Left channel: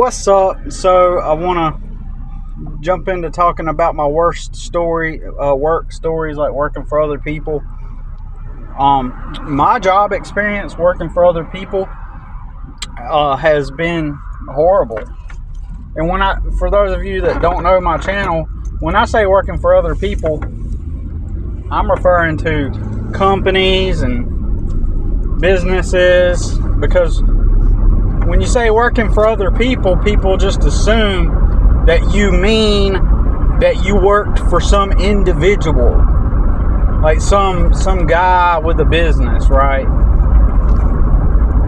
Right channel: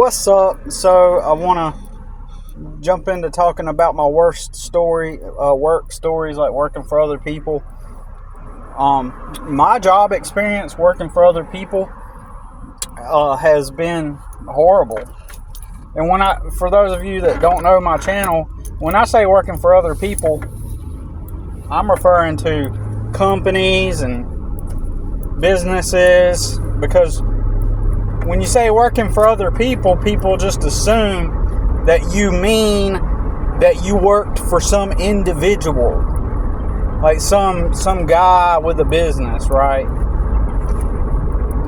What's up? So I want to jump into talking about my worst work stories, like working for other people. My job experience working for other people has been horrible. And for those of you that don't know my channel, when I say working for other people, I'm referring to companies and businesses, because when you say working for other people, people just assume that you mean that you worked for some individual, like some guy with a business, right?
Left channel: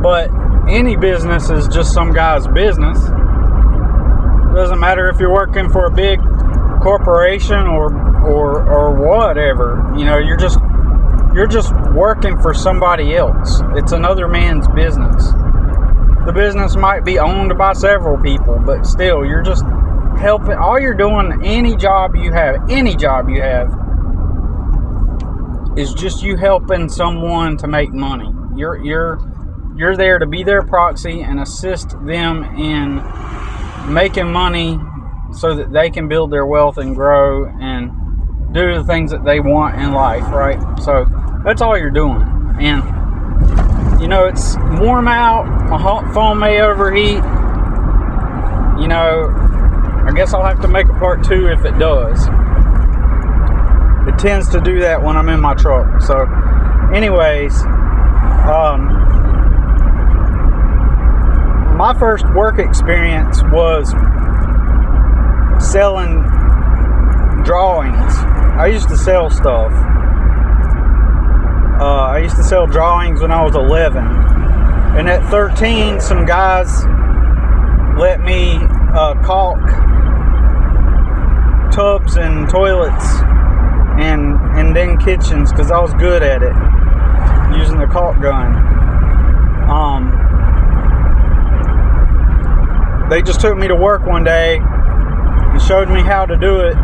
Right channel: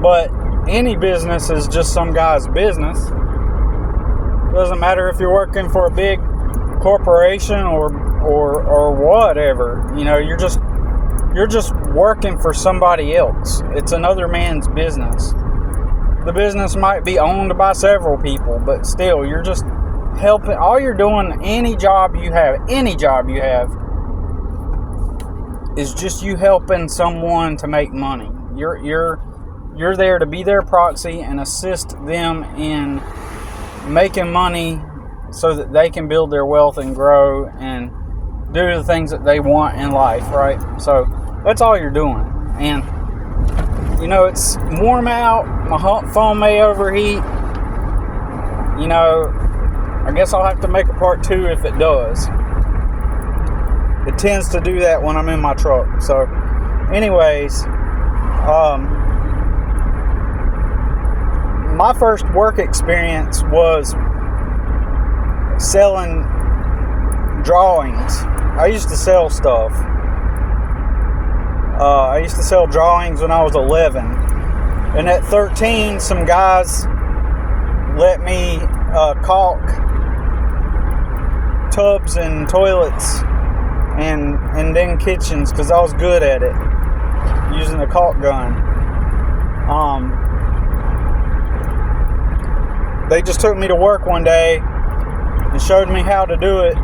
But any business is just some guy's business. It doesn't matter if you're working for a big corporation or whatever. You know, you're just working for somebody else. It's another man's business. The business might be owned by several people, but still, you're just helping. All you're doing, any job you have, is just you helping someone to make money. You're there to be their proxy and assist them in making money so that they can build their wealth and grow and do the things that they want in life, right? So that's all you're doing. And you know, it's warm out, my phone may overheat. You know, I guess I'll have to make a part 2 if it does. It tends to do that when I'm in my truck. So anyways, my first work experience was selling drawings. I used to sell stuff. I used to sell drawings when I was 11. And at 13, some guys let me caulk tubs and toilets and then kitchens, because I was good at it, using the caulk gun. They just took me to work one day and showed me how to do it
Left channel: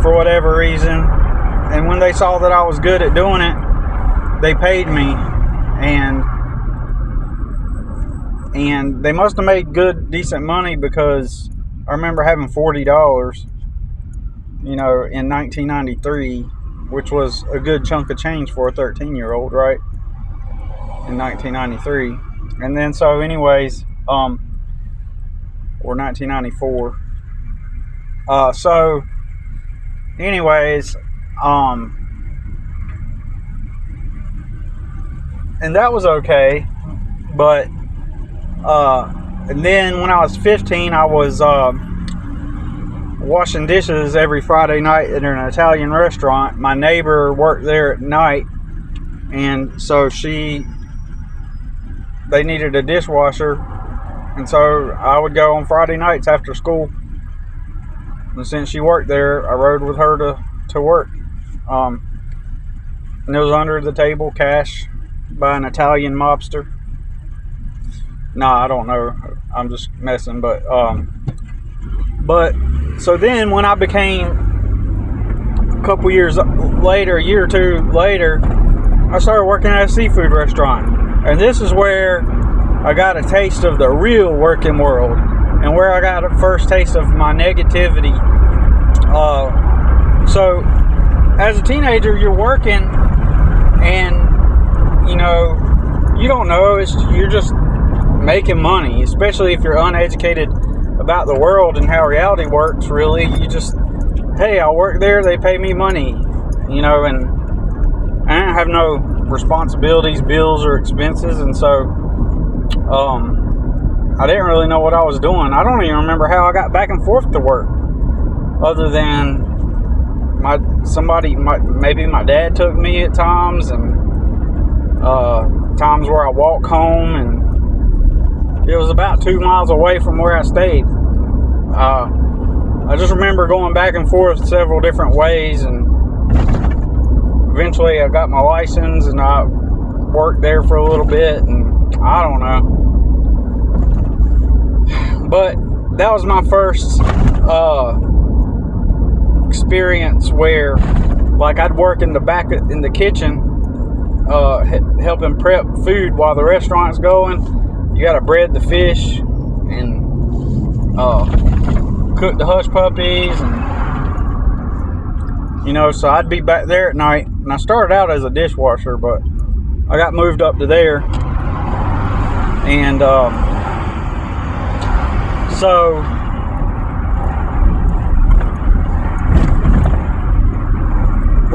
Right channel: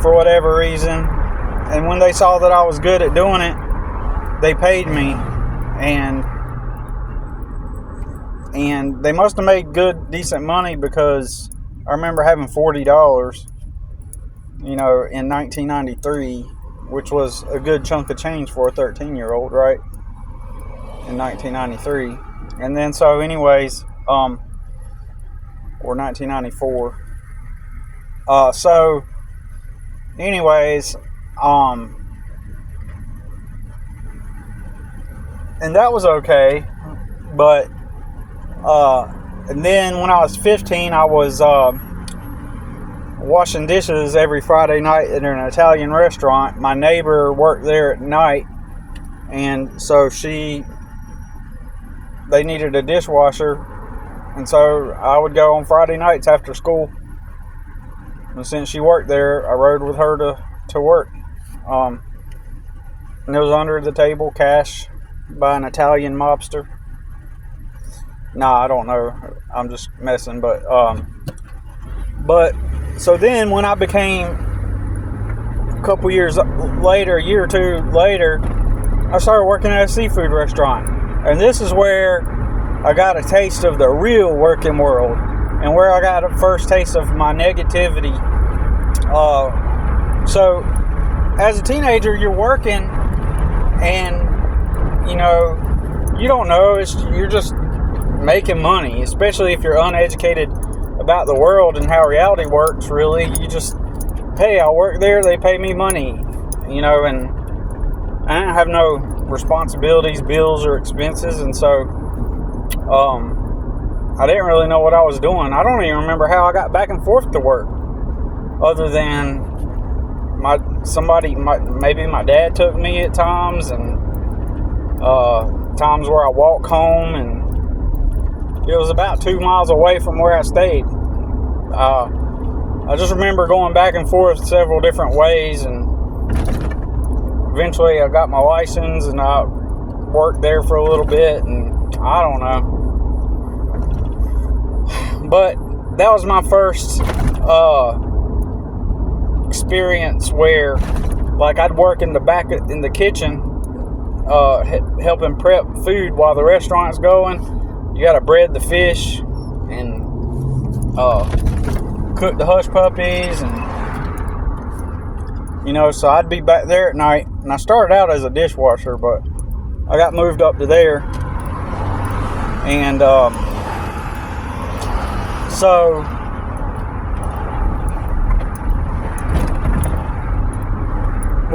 for whatever reason. And when they saw that I was good at doing it, they paid me, and they must have made decent money, because I remember having $40, you know, in 1993, which was a good chunk of change for a 13-year-old, right? In 1993. And then so anyways, or 1994. So anyways, and that was okay, but and then when I was 15, I was washing dishes every Friday night at an Italian restaurant. My neighbor worked there at night, and so they needed a dishwasher, and so I would go on Friday nights after school. And since she worked there, I rode with her to work. And it was under the table cash by an Italian mobster. Nah, I don't know. I'm just messing. But so then when I became, a couple years later, a year or two later, I started working at a seafood restaurant. And this is where I got a taste of the real working world, and where I got a first taste of my negativity. So as a teenager, you're working, and you know, you don't know, you're just making money, especially if you're uneducated about the world and how reality works. Really, you just, hey, I work there, they pay me money, you know, and I didn't have no responsibilities, bills, or expenses, and so I didn't really know what I was doing. I don't even remember how I got back and forth to work, other than maybe my dad took me at times, and times where I walk home, and it was about 2 miles away from where I stayed. I just remember going back and forth several different ways, and eventually I got my license, and I worked there for a little bit, and I don't know. But that was my first experience where, like, I'd work in the kitchen, helping prep food while the restaurant's going. you gotta bread the fish and cook the hush puppies, and so I'd be back there at night. And I started out as a dishwasher, but I got moved up to there, and so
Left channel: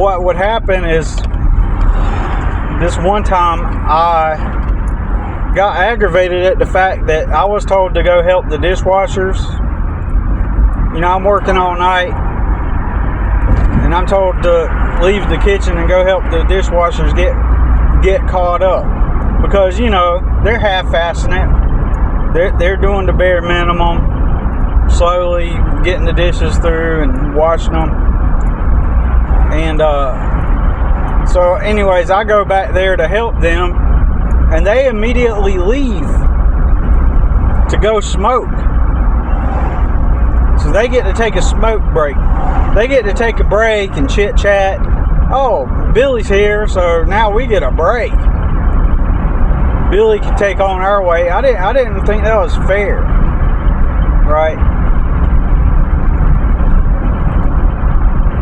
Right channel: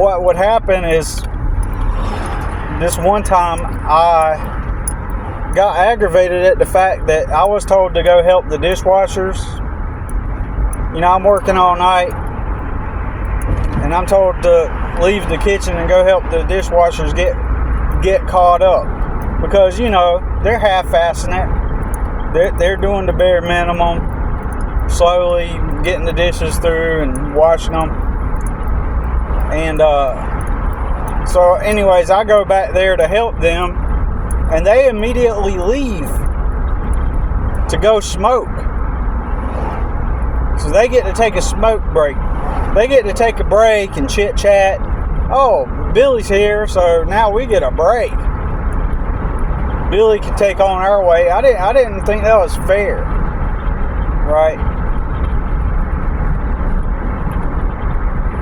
what would happen is, this one time I got aggravated at the fact that I was told to go help the dishwashers. I'm working all night, and I'm told to leave the kitchen and go help the dishwashers get caught up, because they're half-assing it. They're doing the bare minimum, slowly getting the dishes through and washing them. And so anyways, I go back there to help them, and they immediately leave to go smoke. So they get to take a smoke break. They get to take a break and chit chat. Oh, Billy's here, so now we get a break. Billy can take on our way. I didn't think that was fair, right?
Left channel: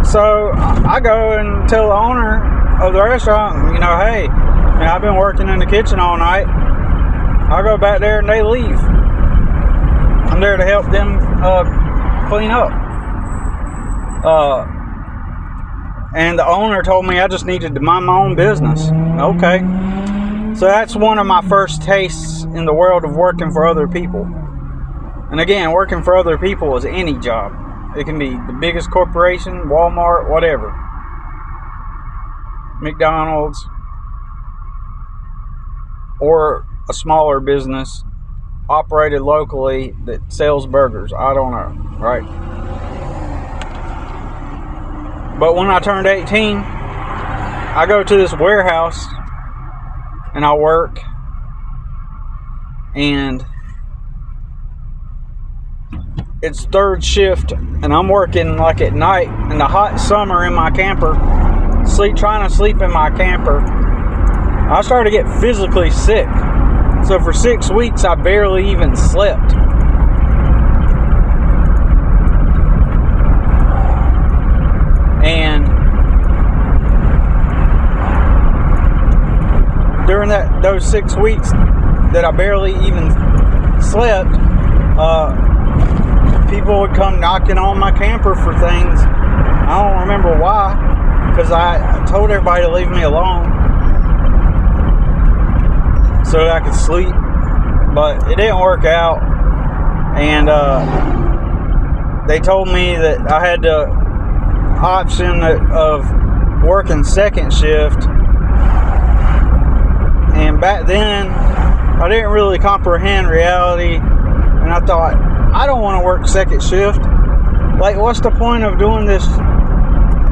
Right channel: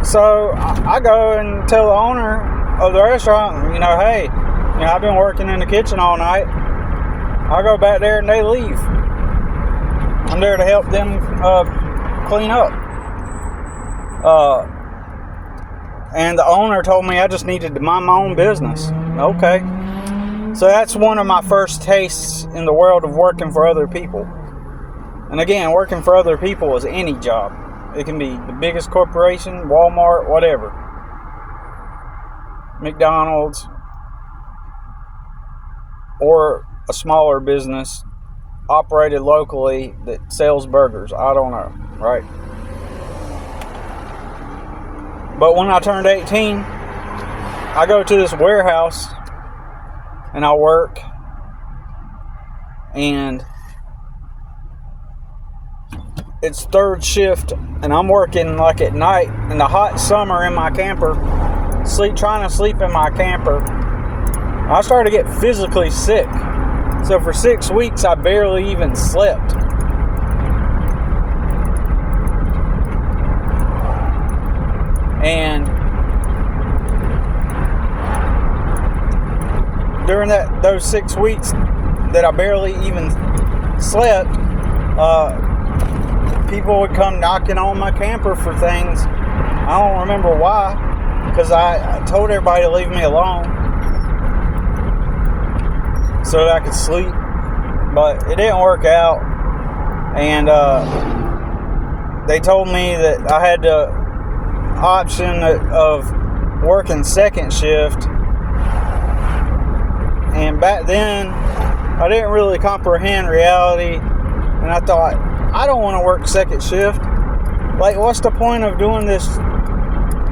So I go and tell the owner of the restaurant, hey, I've been working in the kitchen all night. I go back there and they leave. I'm there to help them clean up. And the owner told me I just needed to mind my own business. Okay. So that's one of my first tastes in the world of working for other people. And again, working for other people is any job. It can be the biggest corporation, Walmart, whatever. McDonald's, or a smaller business operated locally that sells burgers. I don't know, right? But when I turned 18, I go to this warehouse and I work, and it's third shift, and I'm working like at night in the hot summer in my camper, trying to sleep in my camper. I started to get physically sick. So for 6 weeks, I barely even slept. And during those 6 weeks that I barely even slept, people would come knocking on my camper for things. I don't remember why, because I told everybody to leave me alone so that I could sleep, but it didn't work out. And they told me that I had the option of working second shift, and back then I didn't really comprehend reality, and I thought, I don't want to work second shift. Like, what's the point of doing this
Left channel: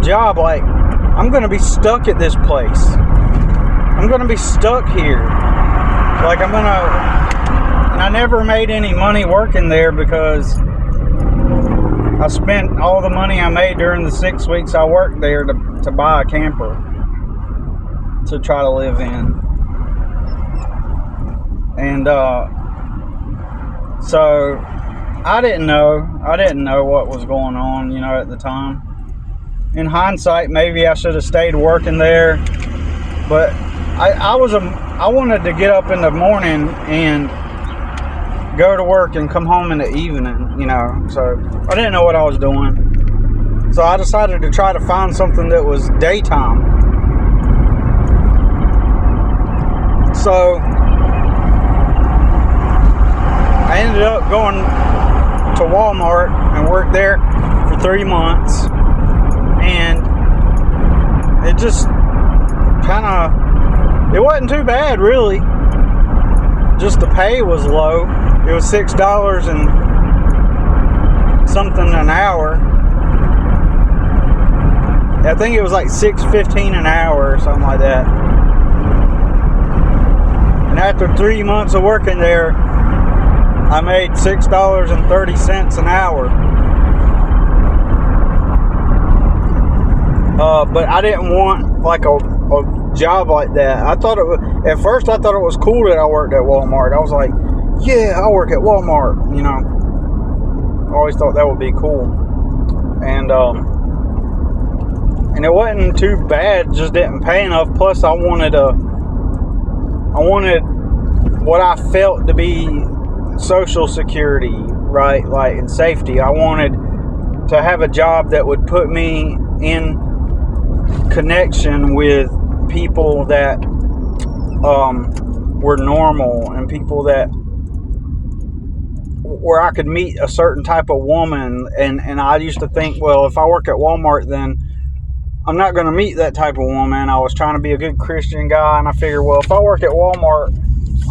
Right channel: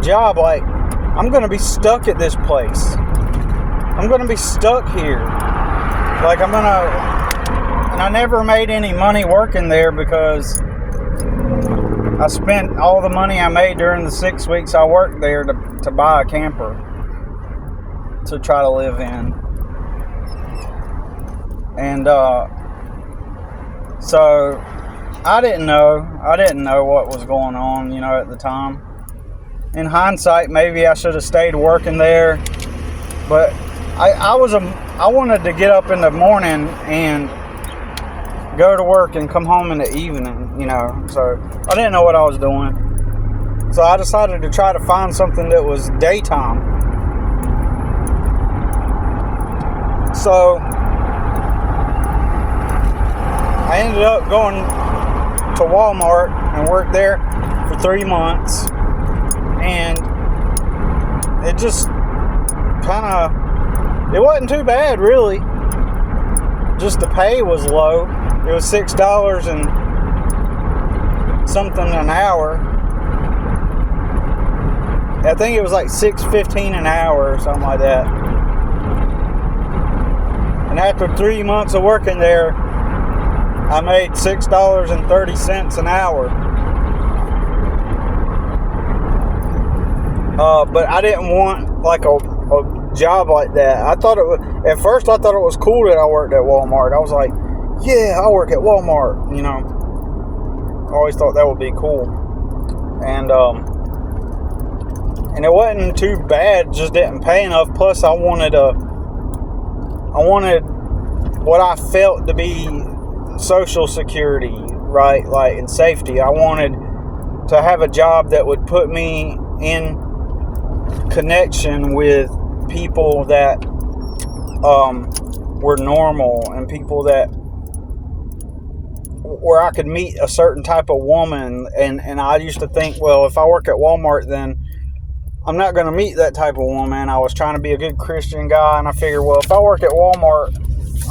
job? Like, I'm going to be stuck at this place. I'm going to be stuck here. Like, and I never made any money working there, because I spent all the money I made during the 6 weeks I worked there to buy a camper to try to live in. And so I didn't know what was going on, at the time. In hindsight, maybe I should have stayed working there, but I wanted to get up in the morning and go to work and come home in the evening, so I didn't know what I was doing. So I decided to try to find something that was daytime. So I ended up going to Walmart and worked there for 3 months, and it just it wasn't too bad, really. Just the pay was low. It was $6 and something an hour. I think it was like $6.15 an hour or something like that. And after 3 months of working there, I made $6.30 an hour. But I didn't want like a job like that. At first I thought it was cool that I worked at Walmart. I was like, yeah, I work at Walmart, you know. I always thought that would be cool. And it wasn't too bad, just didn't pay enough. Plus I wanted what I felt to be social security, right? Like, and safety. I wanted to have a job that would put me in connection with people that were normal, and people that where I could meet a certain type of woman. And I used to think, well, if I work at Walmart, then I'm not going to meet that type of woman. I was trying to be a good Christian guy, and I figured, well, if I work at Walmart,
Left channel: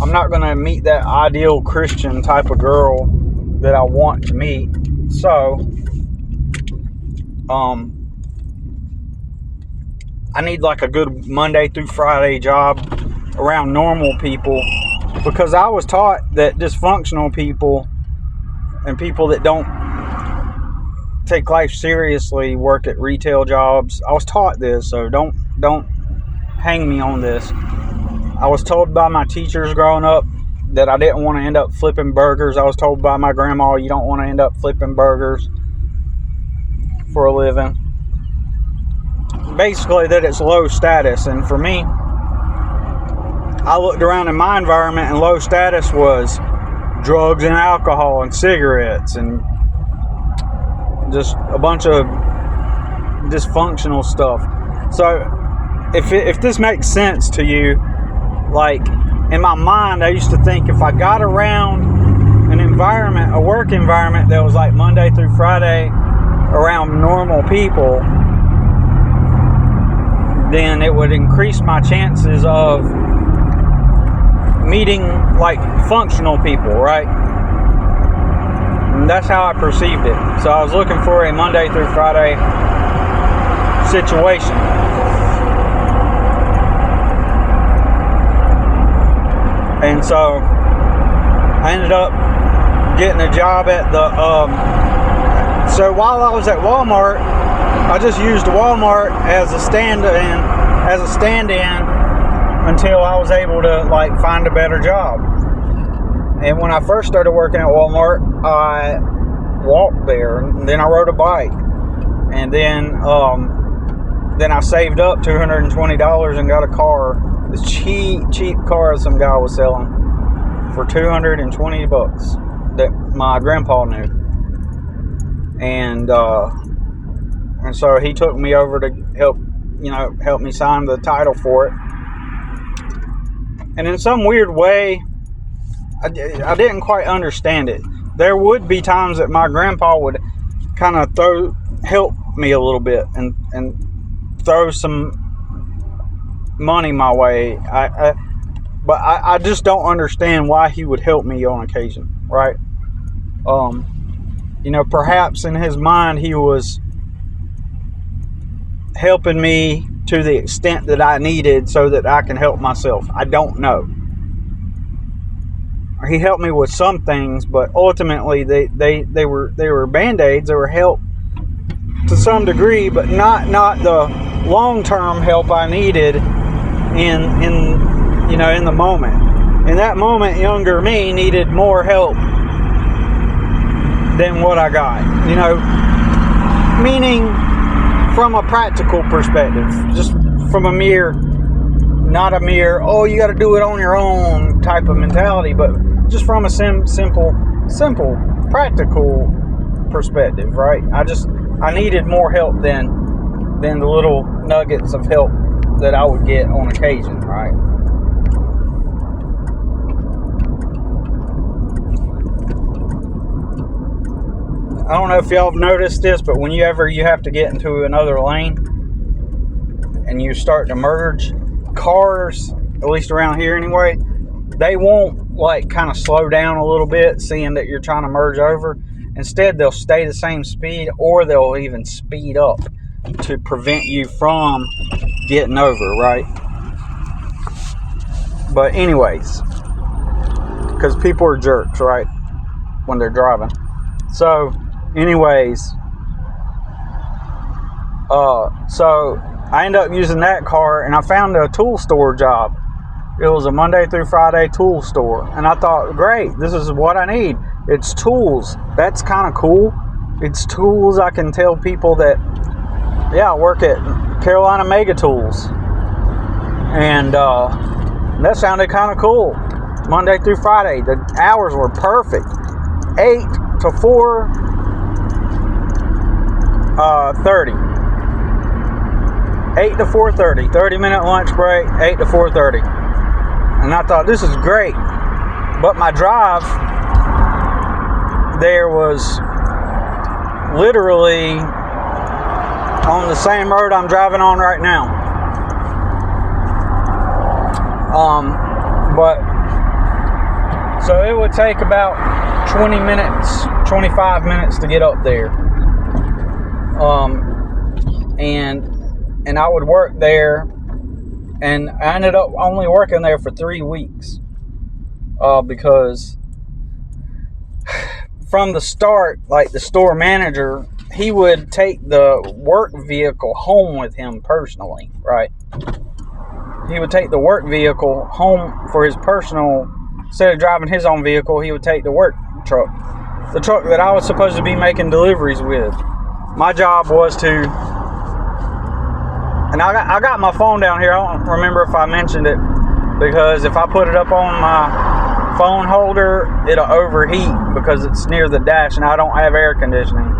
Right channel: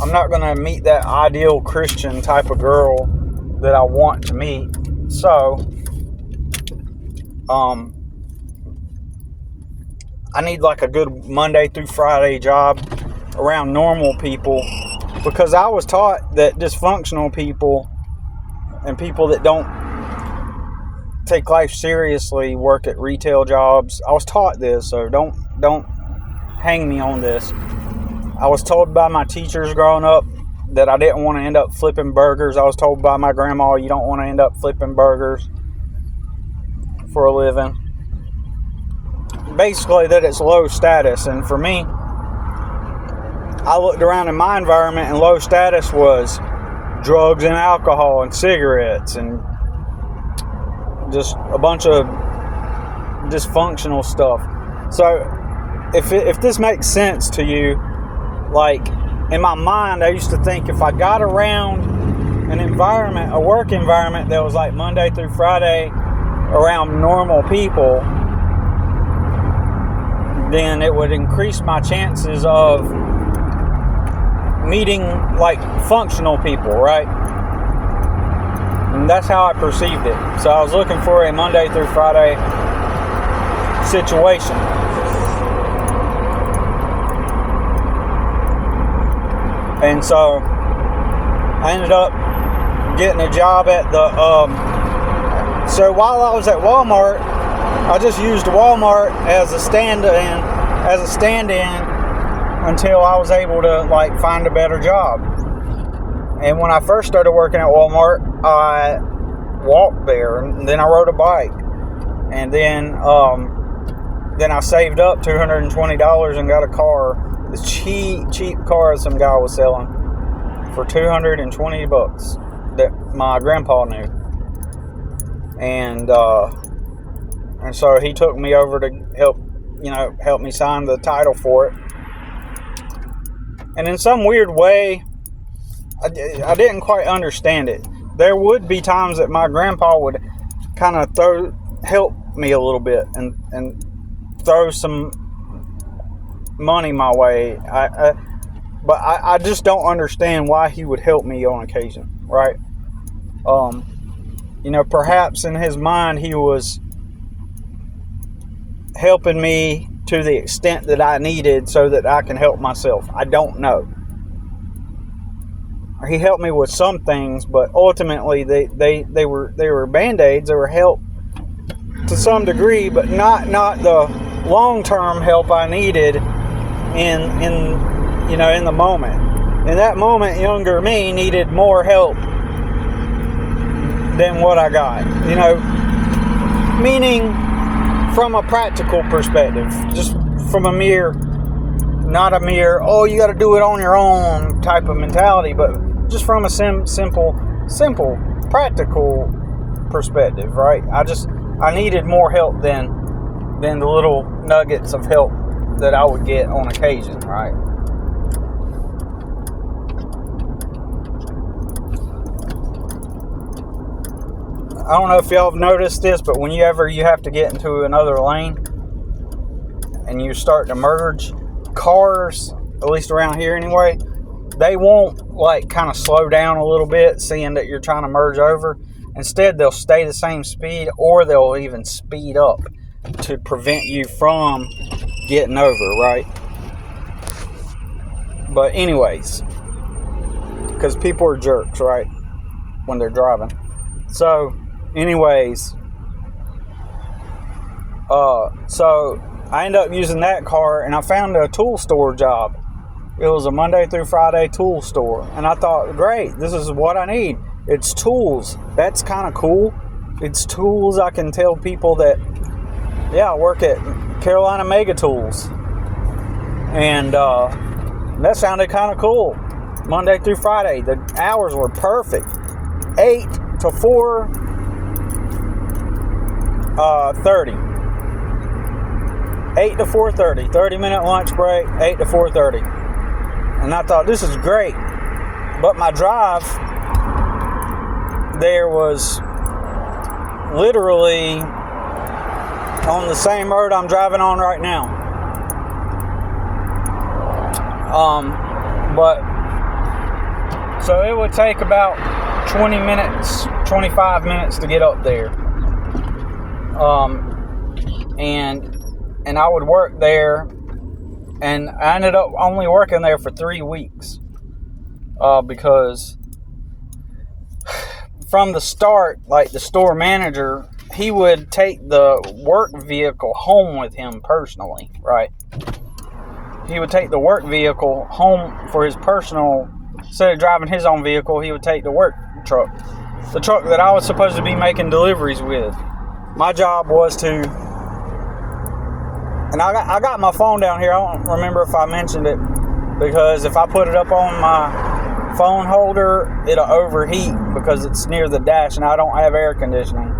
I'm not going to meet that ideal Christian type of girl that I want to meet. So I need like a good Monday through Friday job around normal people, because I was taught that dysfunctional people and people that don't take life seriously work at retail jobs. I was taught this, so don't hang me on this. I was told by my teachers growing up that I didn't want to end up flipping burgers. I was told by my grandma, you don't want to end up flipping burgers for a living. Basically that it's low status. And for me, I looked around in my environment, and low status was drugs and alcohol and cigarettes and just a bunch of dysfunctional stuff. So if this makes sense to you, like, in my mind, I used to think if I got around an environment, a work environment that was like Monday through Friday around normal people, then it would increase my chances of meeting like functional people, right? And that's how I perceived it. So I was looking for a Monday through Friday situation. And so I ended up getting a job at the so while I was at Walmart, I just used Walmart as a stand-in until I was able to like find a better job. And when I first started working at Walmart, I walked there, and then I rode a bike, and then I saved up $220 and got a car, this cheap car some guy was selling for $220 that my grandpa knew. And so he took me over to help me sign the title for it. And in some weird way, I didn't quite understand it. There would be times that my grandpa would kind of help me a little bit and throw some money my way. But I just don't understand why he would help me on occasion, right? Perhaps in his mind he was helping me to the extent that I needed so that I can help myself. I don't know. He helped me with some things, but ultimately they were band-aids. They were help to some degree, but not the long-term help I needed in the moment. In that moment, younger me needed more help than what I got. Meaning from a practical perspective, just from not a mere, oh, you got to do it on your own type of mentality, but just from a simple practical perspective, right? I needed more help than the little nuggets of help that I would get on occasion, right? I don't know if y'all have noticed this, but whenever you have to get into another lane and you start to merge, cars, at least around here anyway, they won't like kind of slow down a little bit seeing that you're trying to merge over. Instead, they'll stay the same speed, or they'll even speed up to prevent you from getting over, right? But anyways, because people are jerks, right, when they're driving. So anyways, so I ended up using that car, and I found a tool store job It was a Monday through Friday tool store. And I thought, great, this is what I need. It's tools. That's kind of cool. It's tools. I can tell people that, yeah, I work at Carolina Mega Tools. And that sounded kind of cool. Monday through Friday. The hours were perfect. 8 to 4:30. 8 to 4:30. 30-minute lunch break, 8 to 4:30. And I thought, this is great. But my drive there was literally on the same road I'm driving on right now. But so it would take about 20 minutes, 25 minutes to get up there. And I would work there, and I ended up only working there for 3 weeks, because from the start, like the store manager, he would take the work vehicle home with him personally, right? He would take the work vehicle home for his personal, instead of driving his own vehicle, he would take the work truck. The truck that I was supposed to be making deliveries with. My job was to, and I got my phone down here, I don't remember if I mentioned it, because if I put it up on my phone holder, it'll overheat because it's near the dash and I don't have air conditioning.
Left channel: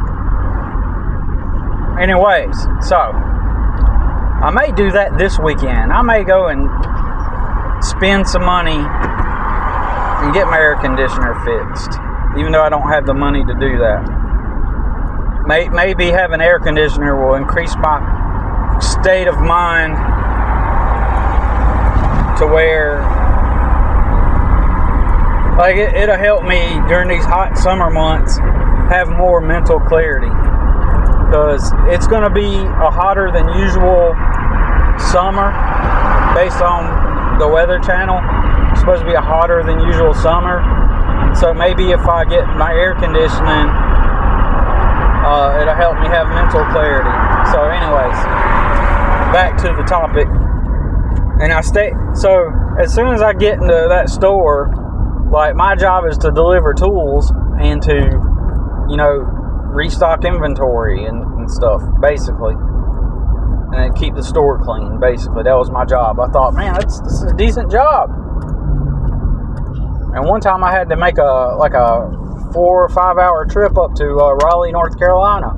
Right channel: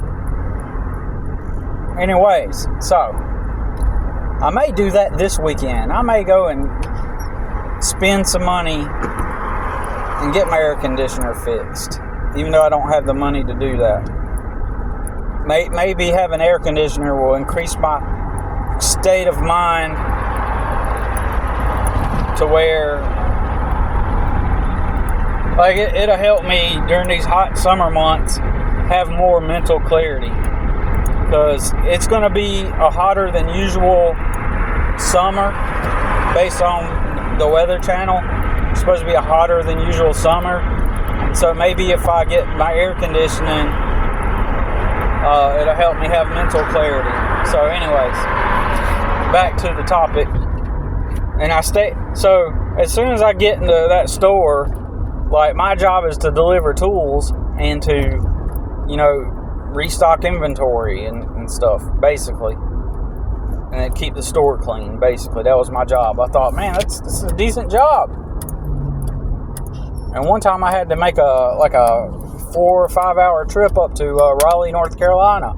Anyways, so I may do that this weekend. I may go and spend some money and get my air conditioner fixed, even though I don't have the money to do that. Maybe having air conditioner will increase my state of mind to where, like, it'll help me during these hot summer months have more mental clarity, because it's going to be a hotter than usual summer based on the Weather Channel. It's supposed to be a hotter than usual summer, so maybe if I get my air conditioning, it'll help me have mental clarity. So anyways, back to the topic. And so as soon as I get into that store, like, my job is to deliver tools and to, restock inventory and stuff, basically. And keep the store clean, basically. That was my job. I thought, man, that's a decent job. And one time I had to make a 4 or 5 hour trip up to Raleigh, North Carolina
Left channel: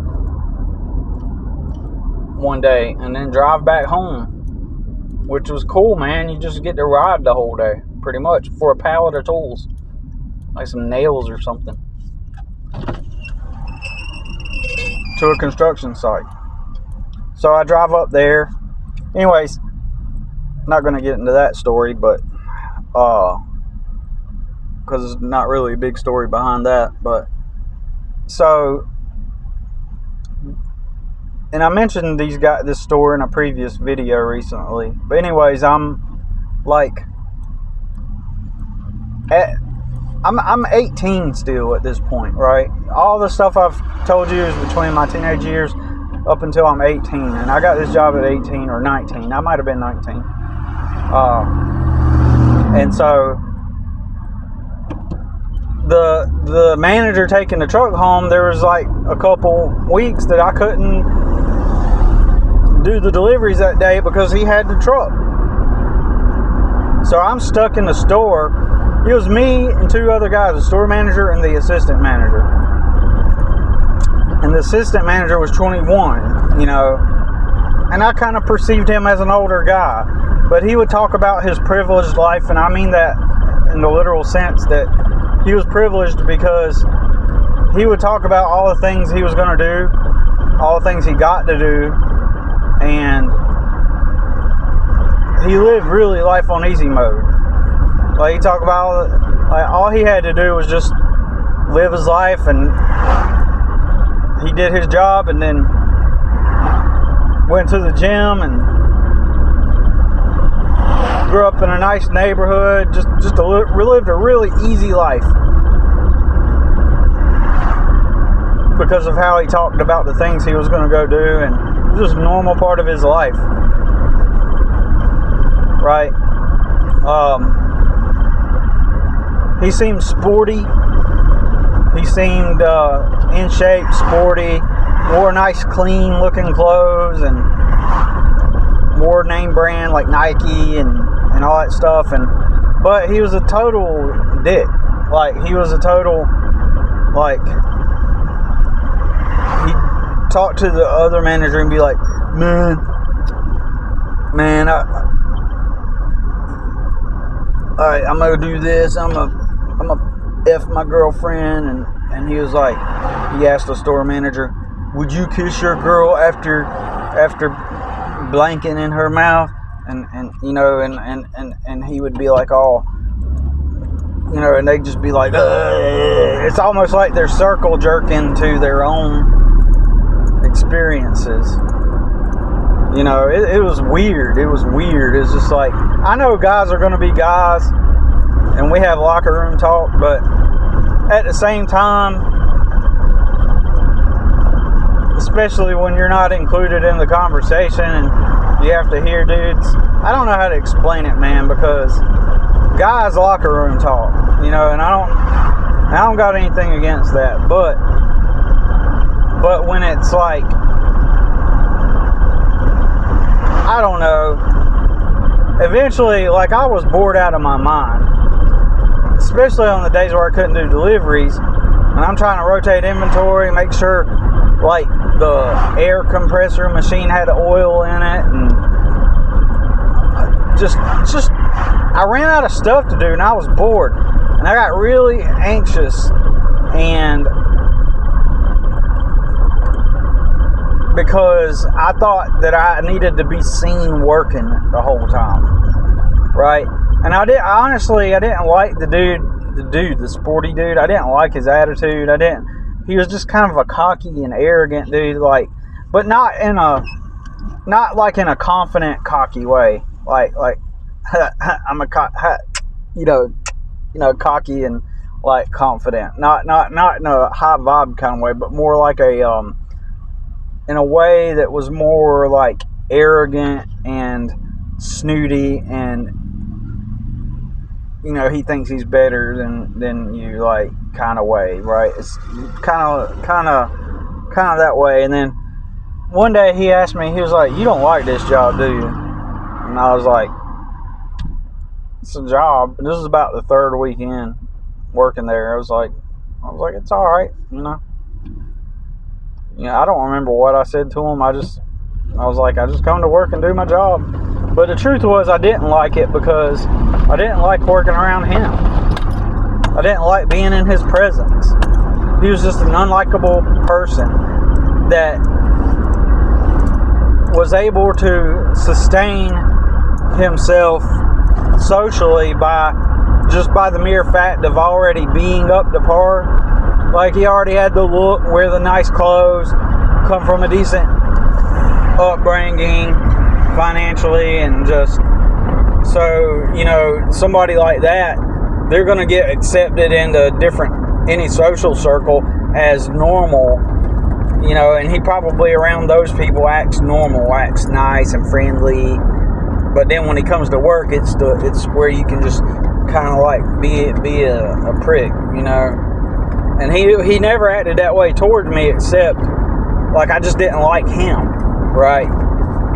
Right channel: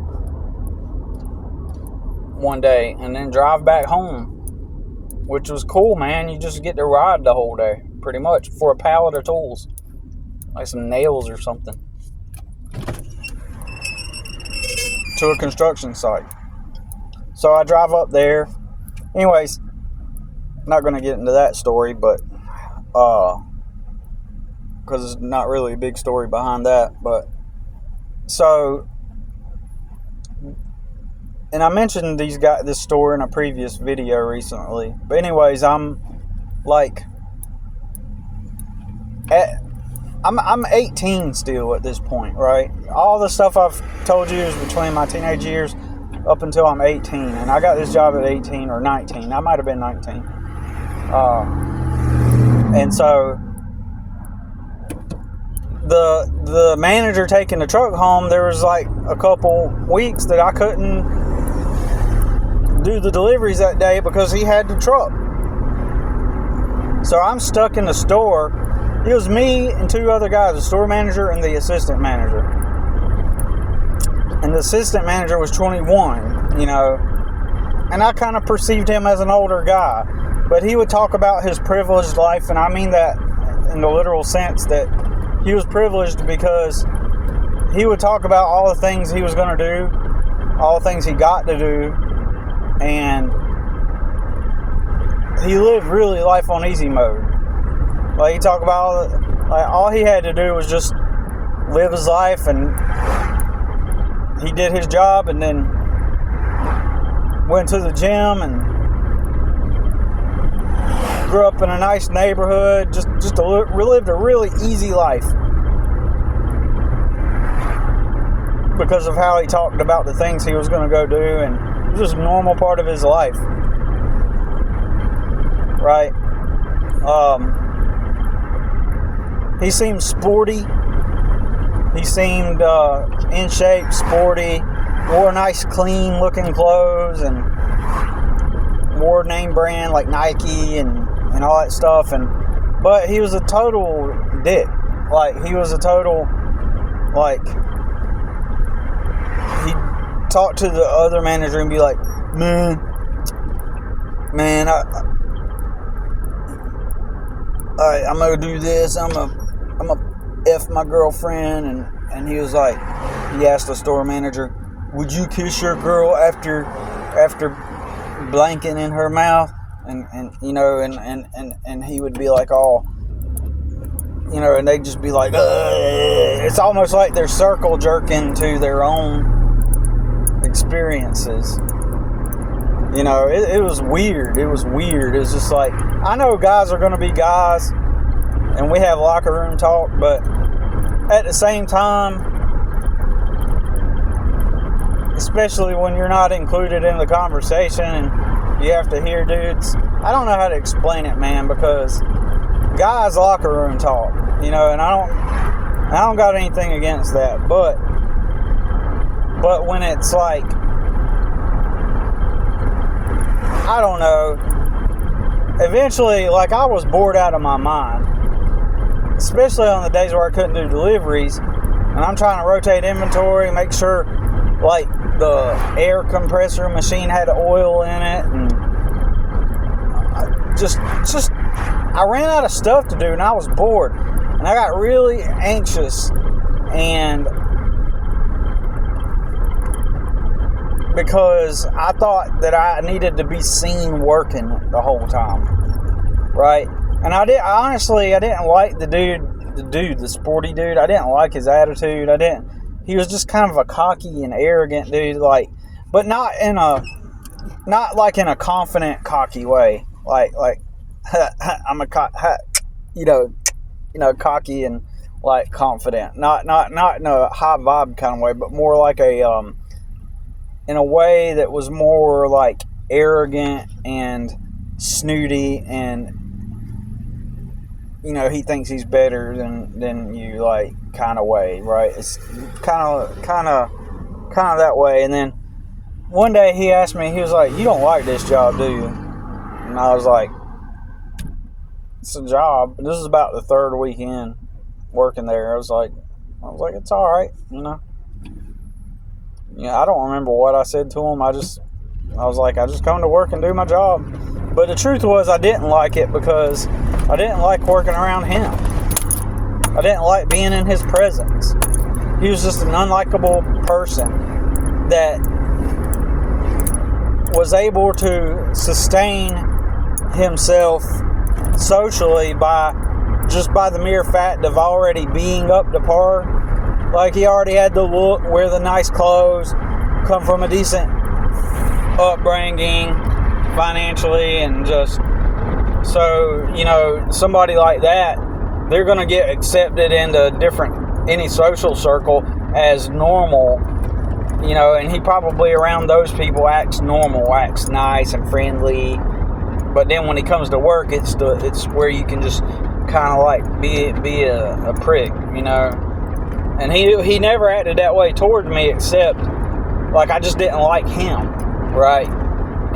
one day, and then drive back home, which was cool, man. You just get to ride the whole day, pretty much, for a pallet of tools, like some nails or something, to a construction site. So I drive up there. Anyways, I'm not going to get into that story, but because it's not really a big story behind that. But so, and I mentioned this store in a previous video recently. But anyways, I'm 18 still at this point, right? All the stuff I've told you is between my teenage years up until I'm 18, and I got this job at 18 or 19. I might have been 19. And so the manager taking the truck home, there was like a couple weeks that I couldn't do the deliveries that day because he had the truck. So I'm stuck in the store. It was me and 2 other guys, the store manager and the assistant manager. And the assistant manager was 21, and I kind of perceived him as an older guy. But he would talk about his privileged life, and I mean that in the literal sense, that he was privileged because he would talk about all the things he was going to do, all the things he got to do, and he lived really life on easy mode. Like, he talked about all he had to do was just live his life, and he did his job, and then went to the gym, and grew up in a nice neighborhood, just lived a really easy life because of how he talked about the things he was going to go do, and it was just a normal part of his life, right? He seemed sporty. He seemed in shape, sporty, wore nice, clean looking clothes, and wore name brand like Nike and all that stuff. But he was a total dick. Like, he was a total, like, he'd talk to the other manager and be like, man, I'm gonna do this, I'm gonna F my girlfriend, and he was like, he asked the store manager, would you kiss your girl after blanking in her mouth? And you know, and he would be like, oh, you know, and they'd just be like, ugh. It's almost like they're circle jerking to their own experiences. You know, it was weird. It was weird. It's just like, I know guys are going to be guys, and we have locker room talk, but at the same time, especially when you're not included in the conversation and you have to hear dudes, I don't know how to explain it, man, because guys locker room talk, you know, and I don't got anything against that, but when it's like, I don't know, eventually, like, I was bored out of my mind, especially on the days where I couldn't do deliveries, and I'm trying to rotate inventory, make sure, like, the air compressor machine had oil in it, and just I ran out of stuff to do, and I was bored, and I got really anxious, and because I thought that I needed to be seen working the whole time, right? And I didn't like the sporty dude. I didn't like his attitude. He was just kind of a cocky and arrogant dude, like, but not like in a confident, cocky way, like I'm cocky and like confident, not in a high vibe kind of way, but more like in a way that was more like arrogant and snooty, and you know, he thinks he's better than you, like, kind of way, right? It's kind of that way. And then one day he asked me, he was like, you don't like this job, do you? And I was like, it's a job. And this was about the third weekend working there. I was like, it's all right, you know. I don't remember what I said to him. I was like, I just come to work and do my job. But the truth was, I didn't like it because I didn't like working around him. I didn't like being in his presence. He was just an unlikable person that was able to sustain himself socially by the mere fact of already being up to par. Like, he already had the look, wear the nice clothes, come from a decent upbringing financially, and just, so, you know, somebody like that, they're going to get accepted into any social circle as normal, you know, and he probably around those people acts normal, acts nice and friendly, but then when he comes to work, it's where you can just kind of like be a prick, you know. And he never acted that way toward me, except, like, I just didn't like him, right?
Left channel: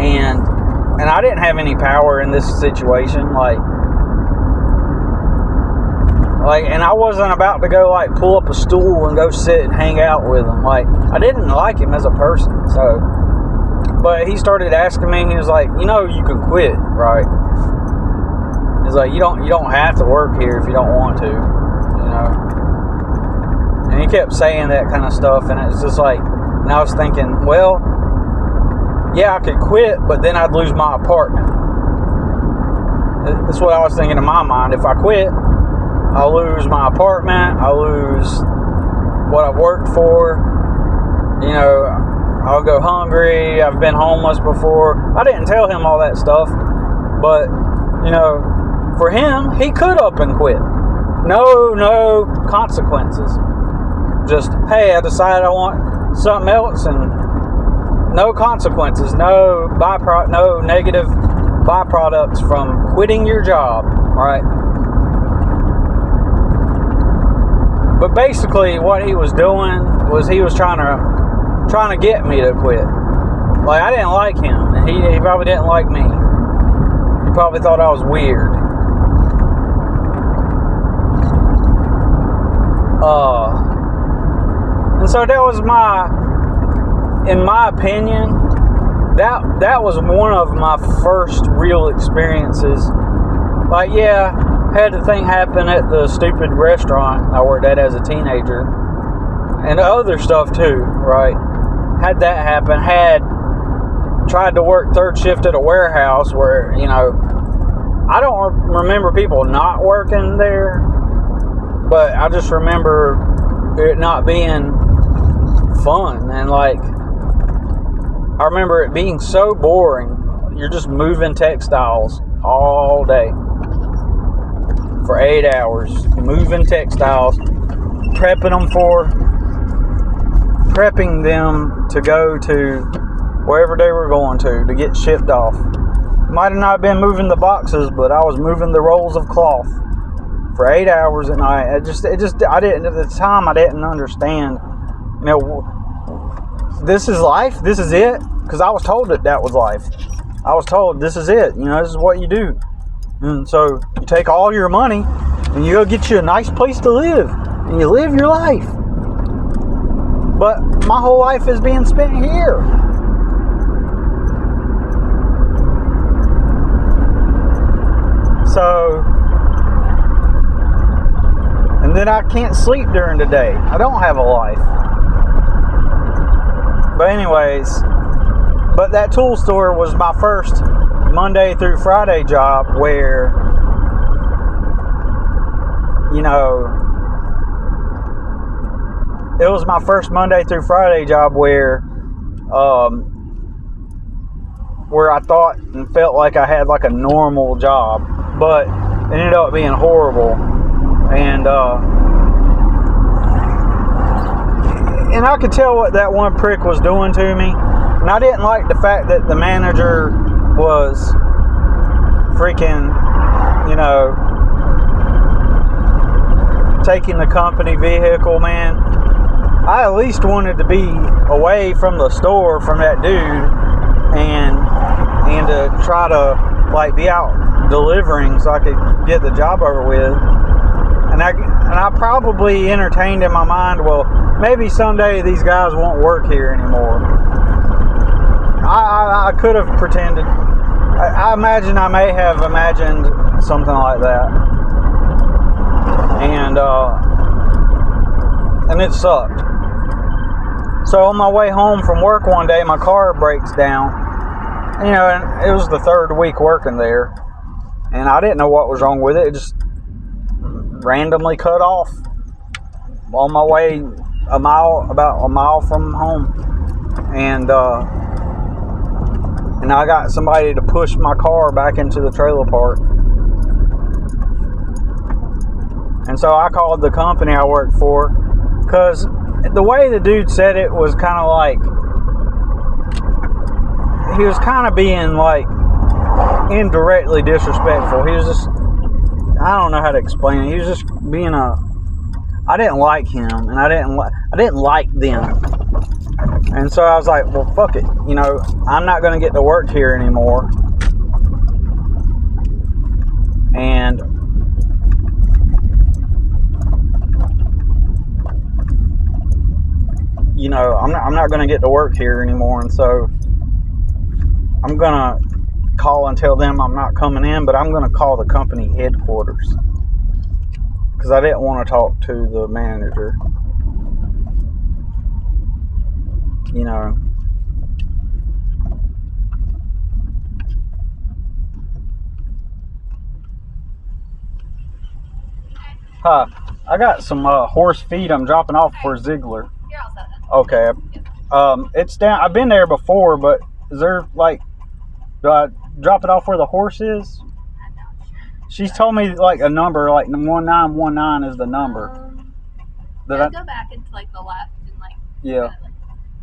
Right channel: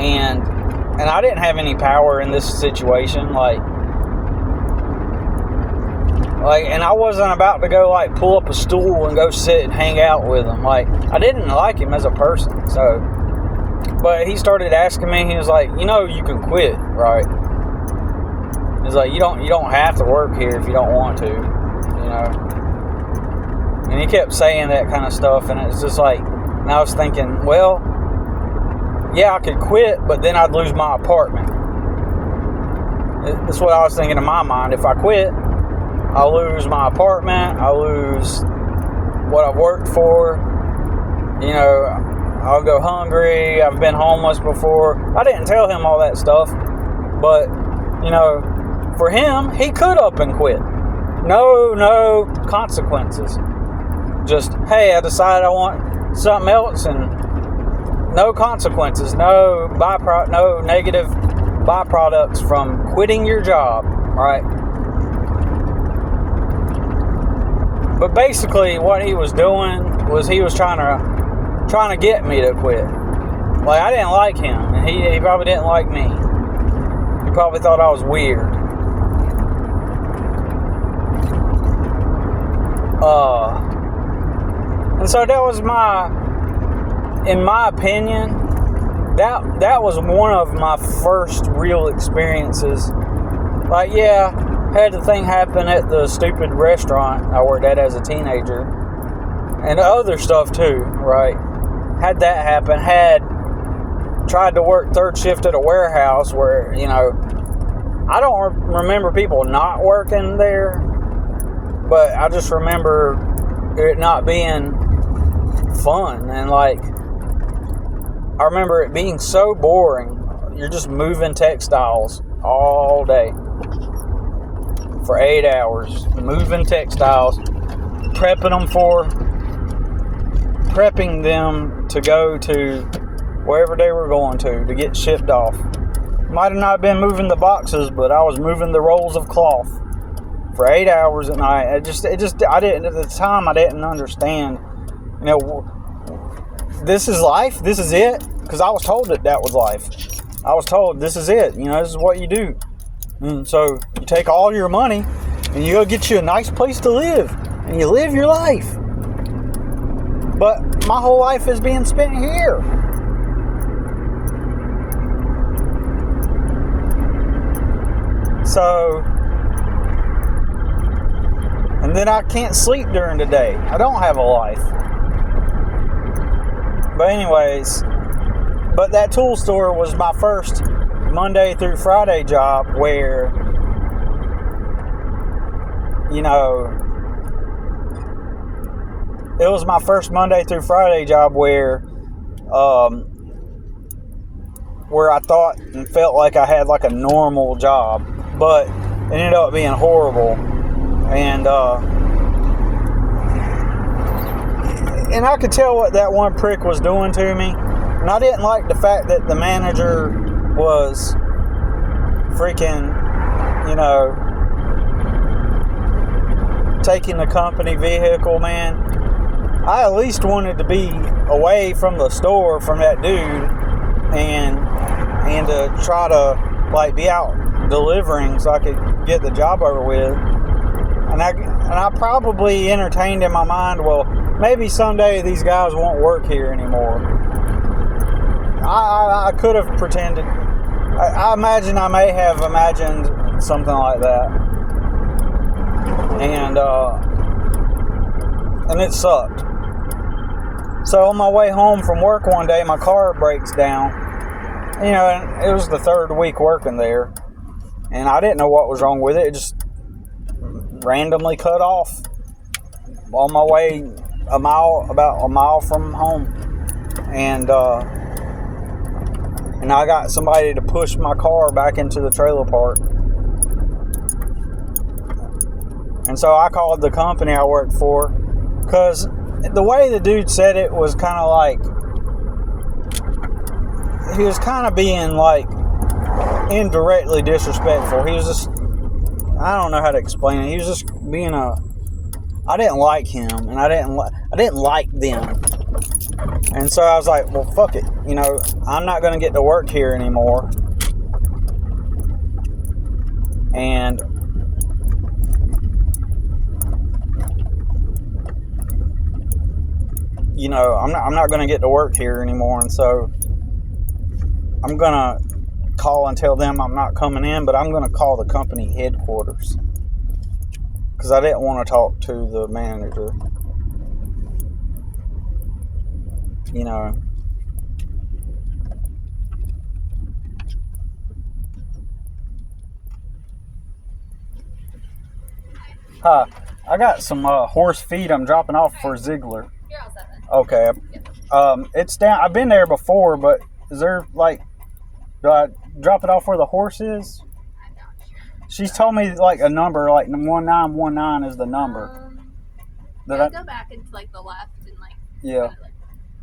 And I didn't have any power in this situation, like, and I wasn't about to go, like, pull up a stool and go sit and hang out with him. Like, I didn't like him as a person, so. But he started asking me, he was like, you know, you can quit, right? He's like, you don't have to work here if you don't want to, you know? And he kept saying that kind of stuff, and it's just like, and I was thinking, well, yeah, I could quit, but then I'd lose my apartment. That's what I was thinking in my mind. If I quit, I'll lose my apartment, I'll lose what I've worked for, you know, I'll go hungry, I've been homeless before. I didn't tell him all that stuff, but, you know, for him, he could up and quit. No consequences. Just, hey, I decided I want something else, and no consequences, no negative byproducts from quitting your job. right? But basically, what he was doing was he was trying to get me to quit. Like, I didn't like him, and he probably didn't like me. He probably thought I was weird. And so that was in my opinion, that was one of my first real experiences. Like, yeah, had the thing happen at the stupid restaurant I worked at as a teenager, and other stuff too, right? Had that happen. Had tried to work third shift at a warehouse where, you know, I don't remember people not working there, but I just remember it not being fun. And like, I remember it being so boring. You're just moving textiles all day for 8 hours, moving textiles, prepping them to go to wherever they were going to get shipped off. Might have not been moving the boxes, but I was moving the rolls of cloth for 8 hours at night. I didn't, at the time, I didn't understand, you know, this is life, this is it, because I was told that was life. I was told this is it, you know, this is what you do. And so you take all your money and you go get you a nice place to live, and you live your life. But my whole life is being spent here. So, and then I can't sleep during the day. I don't have a life. But anyways, but that tool store was my first Monday through Friday job where, you know, it was my first Monday through Friday job where I thought and felt like I had like a normal job, but it ended up being horrible. And I could tell what that one prick was doing to me. And I didn't like the fact that the manager was freaking, you know, taking the company vehicle, man. I at least wanted to be away from the store from that dude and to try to like be out delivering so I could get the job over with. And I probably entertained in my mind, well, maybe someday these guys won't work here anymore. I could have pretended. I imagine I may have imagined something like that. And it sucked. So on my way home from work one day, my car breaks down. You know, and it was the third week working there. And I didn't know what was wrong with it. It just randomly cut off on my way about a mile from home. And I got somebody to push my car back into the trailer park. And so I called the company I worked for, because the way the dude said it was kind of like, he was kind of being like indirectly disrespectful. He was just, I don't know how to explain it. He was just being I didn't like him, and I didn't like them. And so I was like, well, fuck it. You know, I'm not going to get to work here anymore. And you know, I'm not going to get to work here anymore. And so I'm going to call and tell them I'm not coming in, but I'm going to call the company headquarters, because I didn't want to talk to the manager. You know, hi, I got some horse feed I'm dropping off for Ziegler. You're all set then. Okay. Yep. It's down. I've been there before, but is there like, do I drop it off where the horse is? I'm not sure. She's told me like a number, like 1919 is the number. Go back into like the left and like Yeah. kind of, like,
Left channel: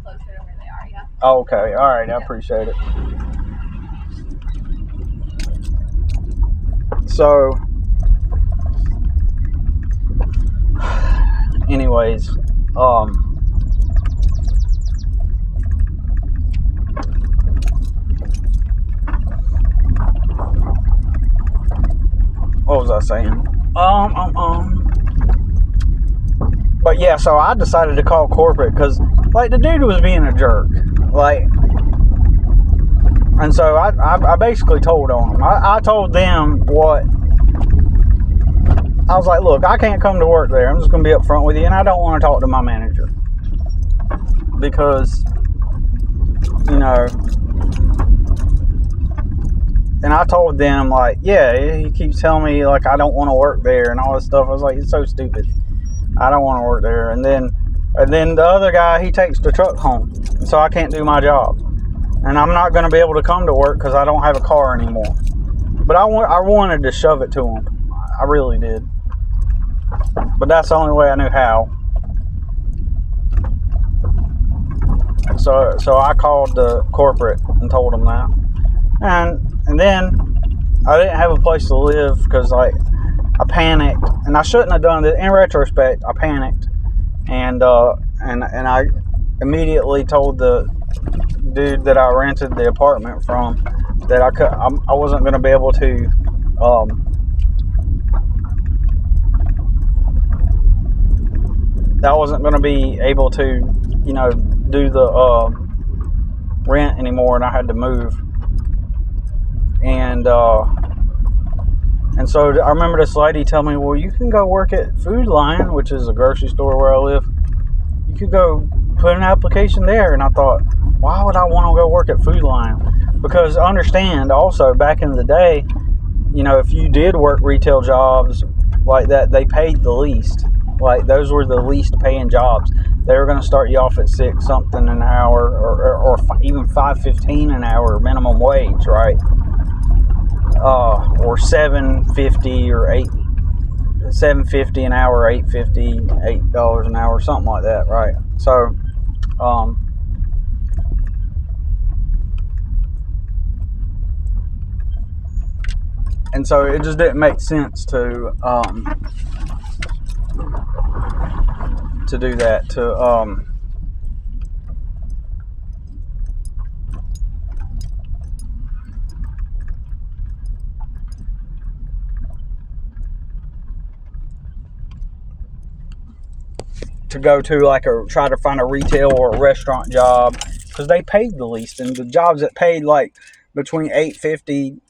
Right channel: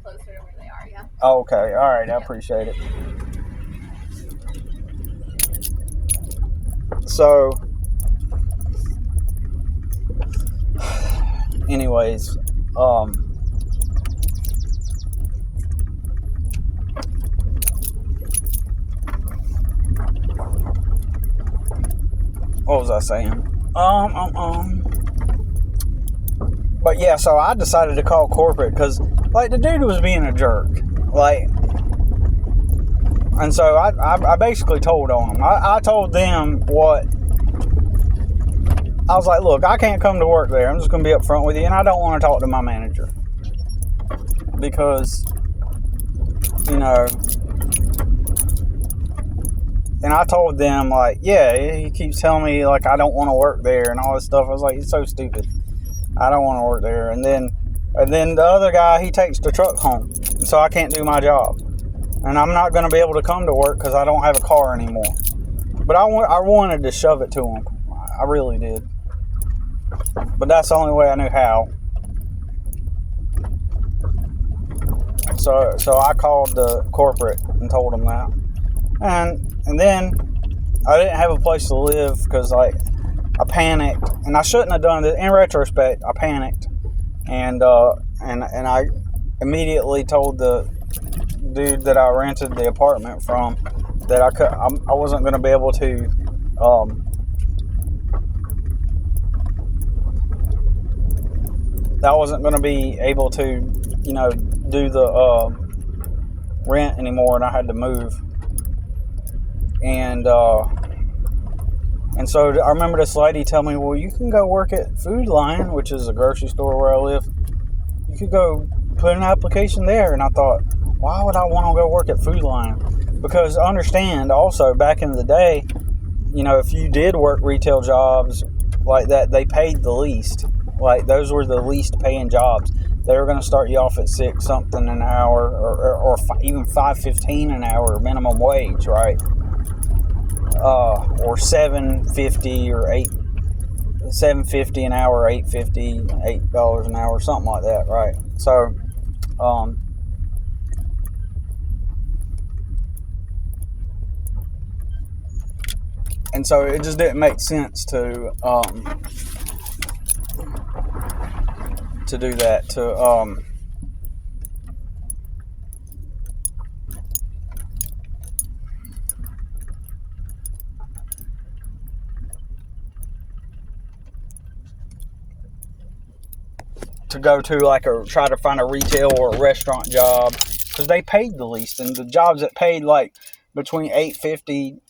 closer to where they are. Yeah. Oh, okay. All right. I appreciate it. So anyways, what was I saying? But yeah, so I decided to call corporate because, like, the dude was being a jerk. Like, and so I basically told on him. I told them what. I was like, look, I can't come to work there. I'm just going to be up front with you, and I don't want to talk to my manager. Because, you know, and I told them, like, yeah, he keeps telling me, like, I don't want to work there and all this stuff. I was like, it's so stupid. I don't want to work there. And then the other guy, he takes the truck home. So I can't do my job. And I'm not going to be able to come to work because I don't have a car anymore. But I wanted to shove it to him. I really did. But that's the only way I knew how. So I called the corporate and told them that. And then I didn't have a place to live because, like, I panicked, and I shouldn't have done it. In retrospect, I panicked, and I immediately told the dude that I rented the apartment from that I wasn't going to be able to you know, do the rent anymore, and I had to move. And so I remember this lady telling me, well, you can go work at Food Lion, which is a grocery store where I live. You could go put an application there. And I thought, why would I want to go work at Food Lion? Because understand also, back in the day, you know, if you did work retail jobs like that, they paid the least. Like, those were the least paying jobs. They were going to start you off at $6 something an hour, or even $5.15 an hour minimum wage, right? Or $7.50 or $7.50 an hour, $8.50, $8 an hour, something like that, right? So, and so it just didn't make sense to do that, to go to like try to find a retail or a restaurant job, because they paid the least, and the jobs that paid like between $8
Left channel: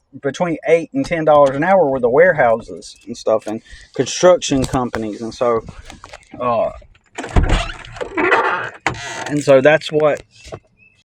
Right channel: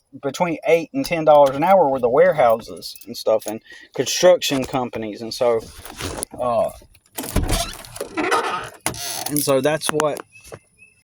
and $10 an hour were the warehouses and stuff, and construction companies. And so that's what